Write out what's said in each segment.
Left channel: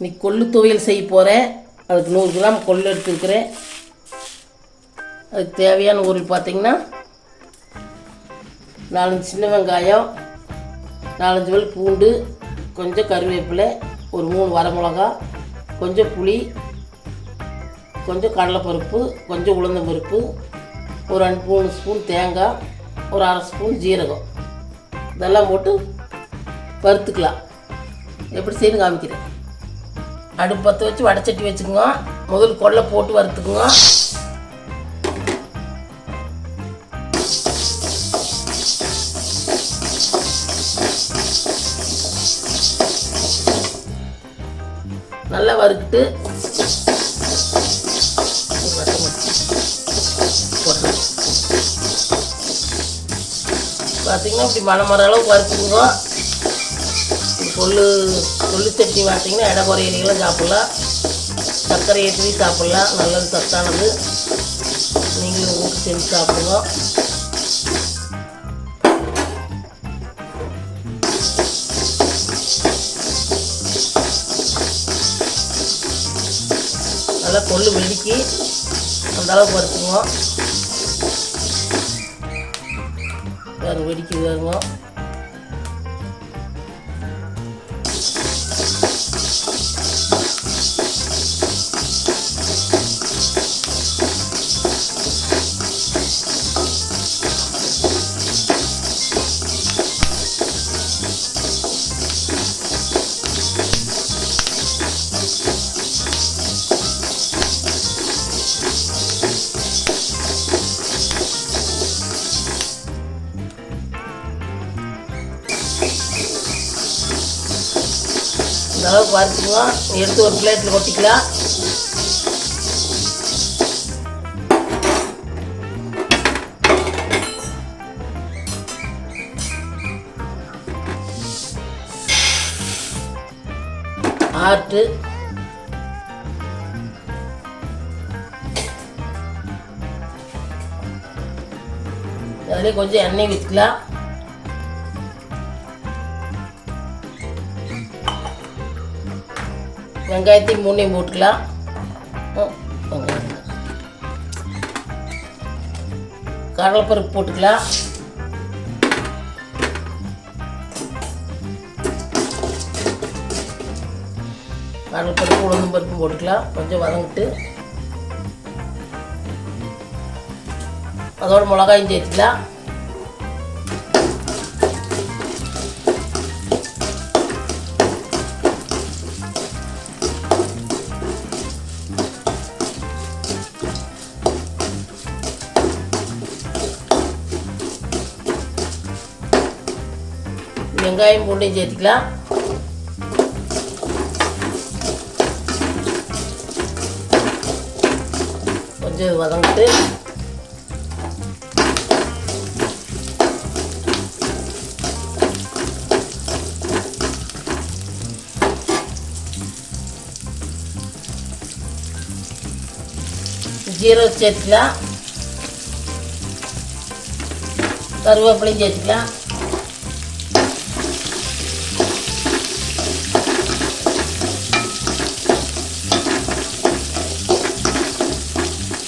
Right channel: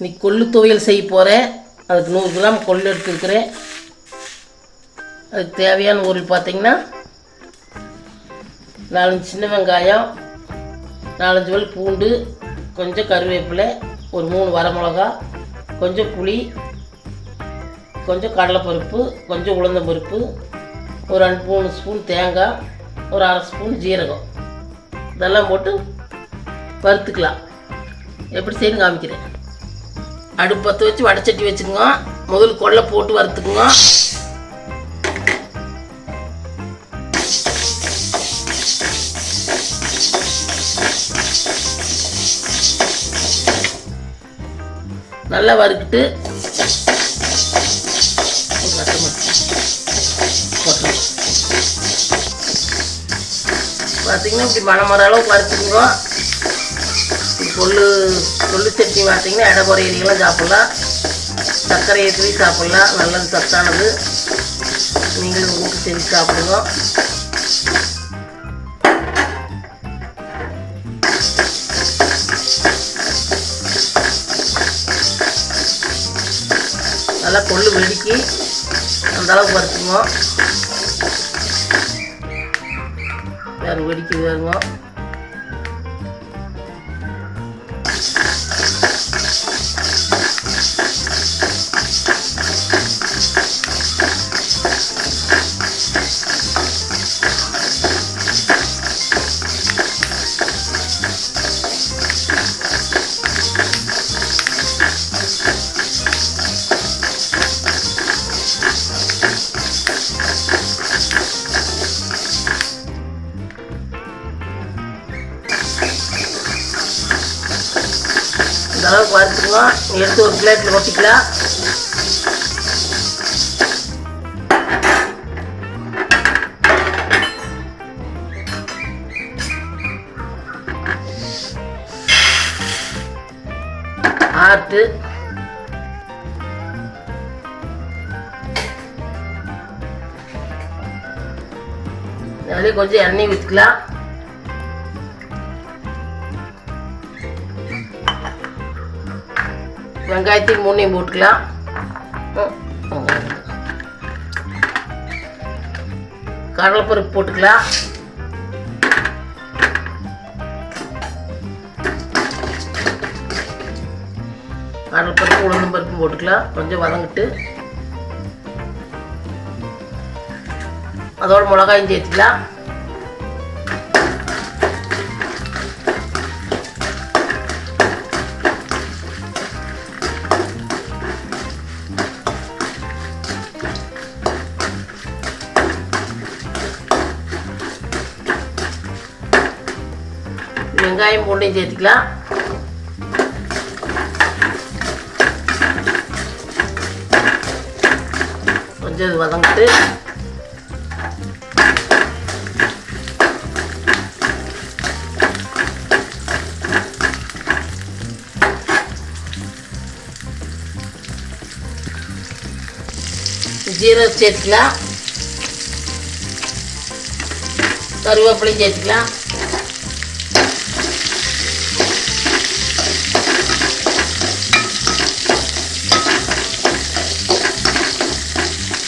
இன்னைக்கு கொள்ளு துவையல் செய்ய போகிறேன் அதுக்கு நூறு கிராம் கொள்ளு எடுத்துருக்குறேன். அதுக்கு தேவையான ஊரில் பார்த்தீங்கன்னா நாலஞ்சு சின்ன வெங்காயம் நாலஞ்சு வல் பூண்டு கொஞ்சம் கருவேப்பிலை ஒரு மூணு வரமிளகா கொஞ்சம் புளி கொஞ்சம் கடலைப்பருப்பு கொஞ்சம் உளுந்தம்பருப்பு ஒரு ரெண்டு மூணு ஸ்பூன் தேங்காய் ஒரு அரை ஸ்பூன் ஜீரகம். இதெல்லாம் போட்டு வறுத்துக்கலாம். எப்படி செய்யணும் காமிக்கிறேன். அடுப்பு பற்ற வச்சு வடைச்சட்டி வச்சுக்கோங்க. முதல் கொள்ளை போட்டு வறுத்துக்குங்க. நல்லா வறுக்கிட்டு பார்த்தீங்கன்னா இப்படி மரம் மர அளவுக்கு வறுத்துக்குங்க. இந்த கொள்ளு சட்னி பார்த்தீங்கன்னா இட குறையிலாம் சாப்பிட்லாம். சர்க்கரை ஏற்றி சாப்பிட்லாம். நல்லது சத்தானது. நீங்களும் ஊற்றி செஞ்சு சாப்பிடுங்க. நல்லா கொள்ளு வெடிக்கி அந்த அளவுக்கு வறுத்துங்க வேறு வெடிக்கி வேறுங்க. இந்த அளவுக்கு வறுத்துக்கலாம் எடுத்து ஒரு பிளேட்டில் கொட்டிக்கலாம். ஆட்டு அதிலே கொஞ்சம் எண்ணெய் விற்றுக்கலாம் வெங்காயத்தையும் மூணையும் போட்டுக்கலாம். கடலைப்பருப்பு போட்டுக்கலாம். கடலைப்பருப்பு உளுந்தும் பருப்பு போட்டுக்கலாம். கொஞ்சம் வதங்கிட்டு. அதோட மிளகாயும் சேர்த்துக்கலாம். வெங்காயம் பூண்டையும் சேர்த்துக்கலாம். கொஞ்சம் வதங்கிட்டு. ஜீரகம் சேர்த்துக்கலாம். கருவேப்பிலையும் சேர்த்துக்கலாம்.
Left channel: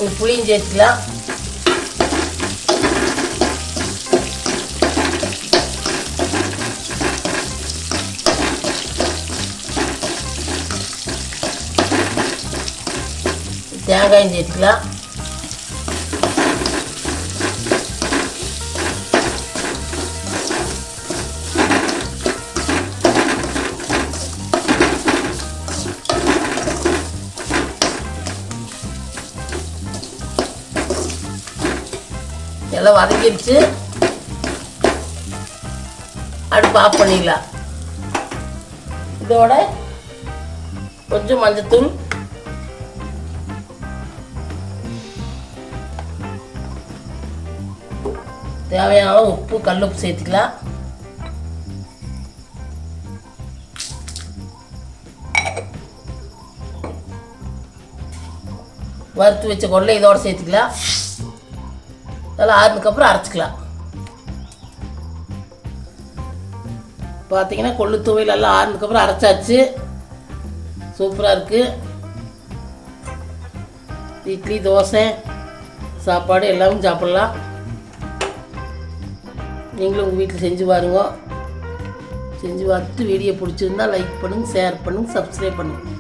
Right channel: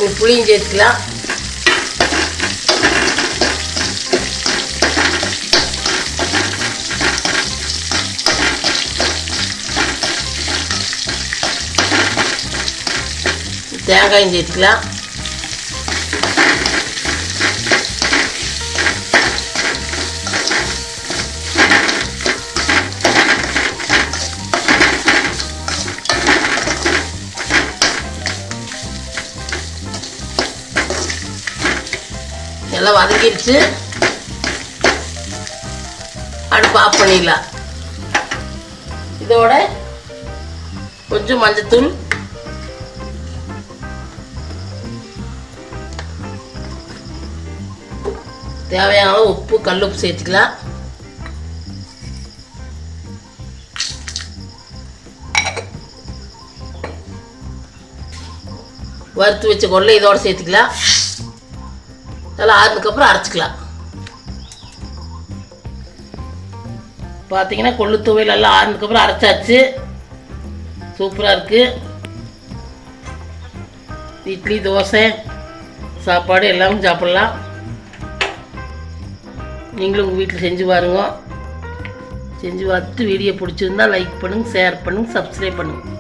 ஒரு புளியும் சேர்த்துக்கலாம். தேங்காயும் சேர்த்துக்கலாம். எல்லாம் வதக்கிடுச்சு. அடுப்பு ஆஃப் பண்ணிடலாம். இதோட கொஞ்சம் மஞ்சத்தூள். தேவையான அளவு உப்பு கல் உப்பு சேர்த்துக்கலாம். வறுத்து வச்ச கொள்ளை இதோட சேர்த்துக்கலாம். இதெல்லாம் ஆறுனதுக்கப்புறம் அரைச்சிக்கலாம். பார்த்தீங்கன்னா கொள்ளு துவையல் எல்லாம் ஆறுனதுக்கப்புறம் அரைச்சாச்சு. சூப்பராக இருக்குது இட்லி தோசை சாப்பாடு எல்லாமே சாப்பிட்லாம். நீங்களும் உங்கள் வீட்டில் செஞ்சு பாருங்க. செஞ்சு பார்த்துட்டு வீடியோ பிடிச்சிருந்தா லைக் பண்ணுங்கள் ஷேர் பண்ணுங்கள் சப்ஸ்கிரைப் பண்ணுங்கள்